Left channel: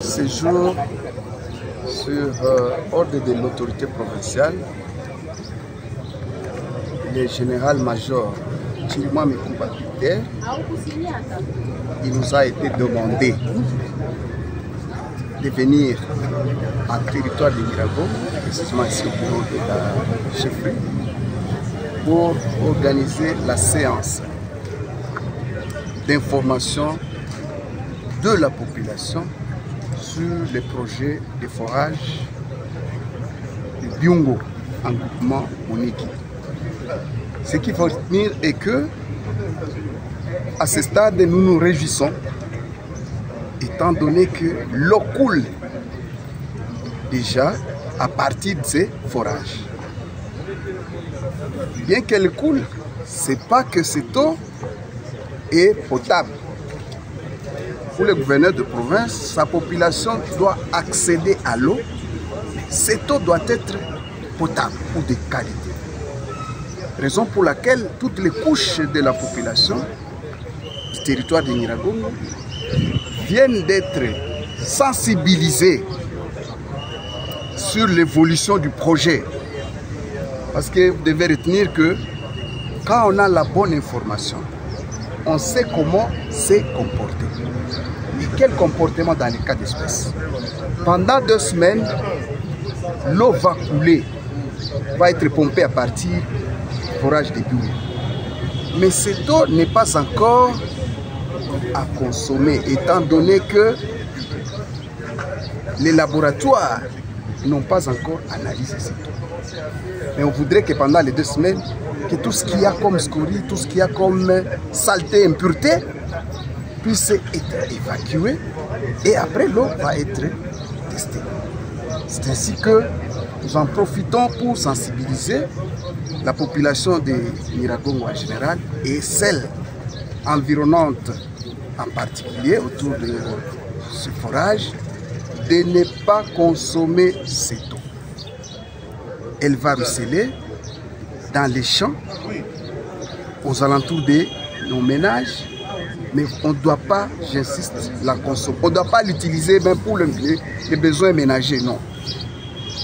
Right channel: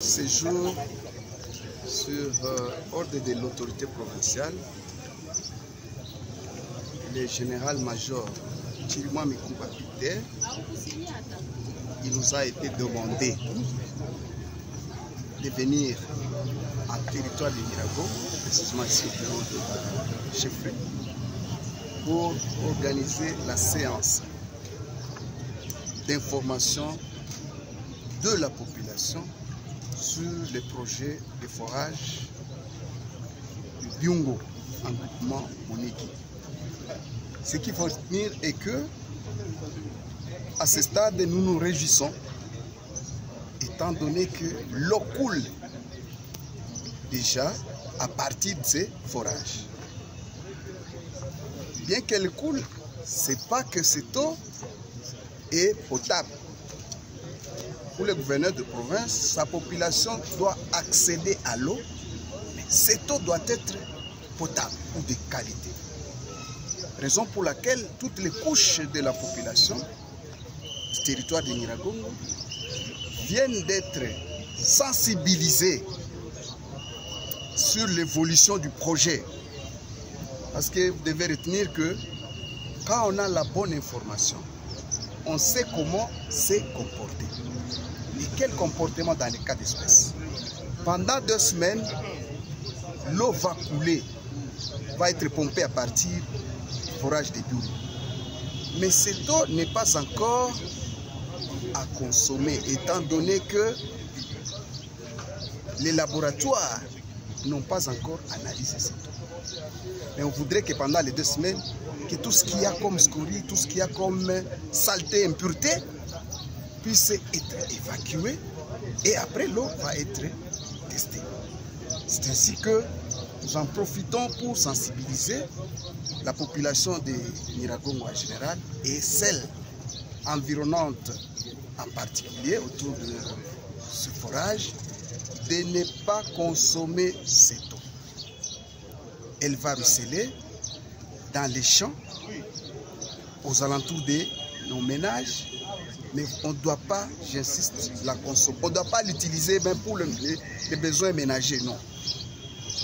Séjour sur ordre de l'autorité provinciale, le général-major Chirimwami Kuba Peter, il nous a été demandé de venir en territoire de Nyiragongo, précisément ici au bureau de la chefferie, pour organiser la séance d'information de la population sur les projets de forage de Byungo en groupement Moniki. Ce qu'il faut retenir est que, à ce stade, nous nous réjouissons, étant donné que l'eau coule déjà à partir de ces forages. Bien qu'elle coule, ce n'est pas que cette eau est potable. Pour le gouverneur de province, sa population doit accéder à l'eau. Cette eau doit être potable ou de qualité. Raison pour laquelle toutes les couches de la population du territoire de Nyiragongo viennent d'être sensibilisées sur l'évolution du projet. Parce que vous devez retenir que quand on a la bonne information, on sait comment se comporter. Et quel comportement dans les cas d'espèce? Pendant 2 semaines, l'eau va couler, va être pompée à partir du forage de Byungo. Mais cette eau n'est pas encore à consommer, étant donné que les laboratoires n'ont pas encore analysé cette eau. Mais on voudrait que pendant les 2 semaines, que tout ce qu'il y a comme scorie, tout ce qu'il y a comme saleté, impureté, puisse être évacué et après l'eau va être testée. C'est ainsi que nous en profitons pour sensibiliser la population de Nyiragongo en général et celle environnante en particulier autour de ce forage de ne pas consommer cette eau. Elle va ruisseler dans les champs, aux alentours de nos ménages, mais on ne doit pas, j'insiste, la consommer. On ne doit pas l'utiliser même pour les besoins ménagers, non.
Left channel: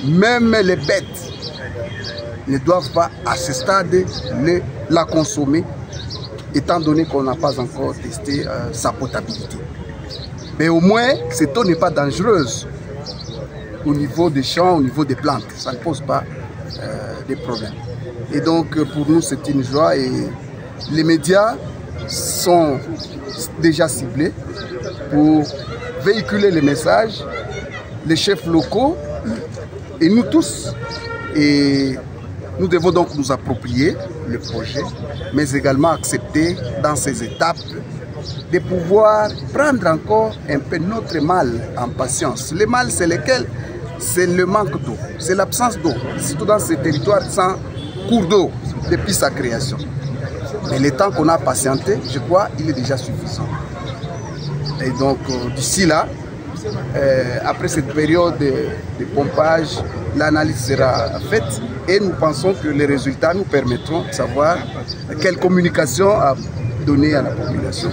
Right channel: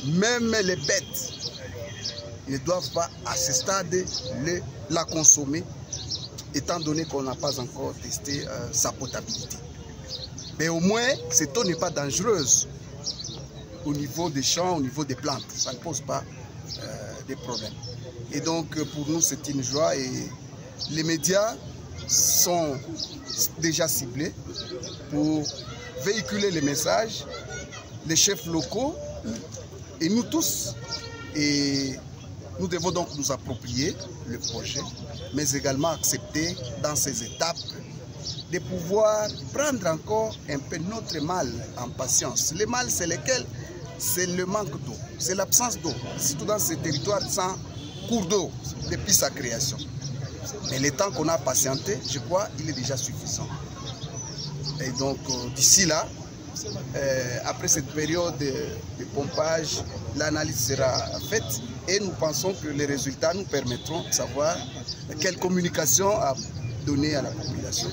Même les bêtes ne doivent pas, à ce stade, la consommer, étant donné qu'on n'a pas encore testé sa potabilité. Mais au moins, cette eau n'est pas dangereuse au niveau des champs, au niveau des plantes. Ça ne pose pas de problème. Et donc, pour nous, c'est une joie et les médias sont déjà ciblés pour véhiculer les messages, les chefs locaux et nous tous. Et nous devons donc nous approprier le projet, mais également accepter dans ces étapes de pouvoir prendre encore un peu notre mal en patience. Le mal, c'est lequel? C'est le manque d'eau, c'est l'absence d'eau, surtout dans ces territoires sans cours d'eau depuis sa création. Mais le temps qu'on a patienté, je crois, il est déjà suffisant. Et donc, d'ici là, après cette période de pompage, l'analyse sera faite et nous pensons que les résultats nous permettront de savoir quelle communication à donner à la population.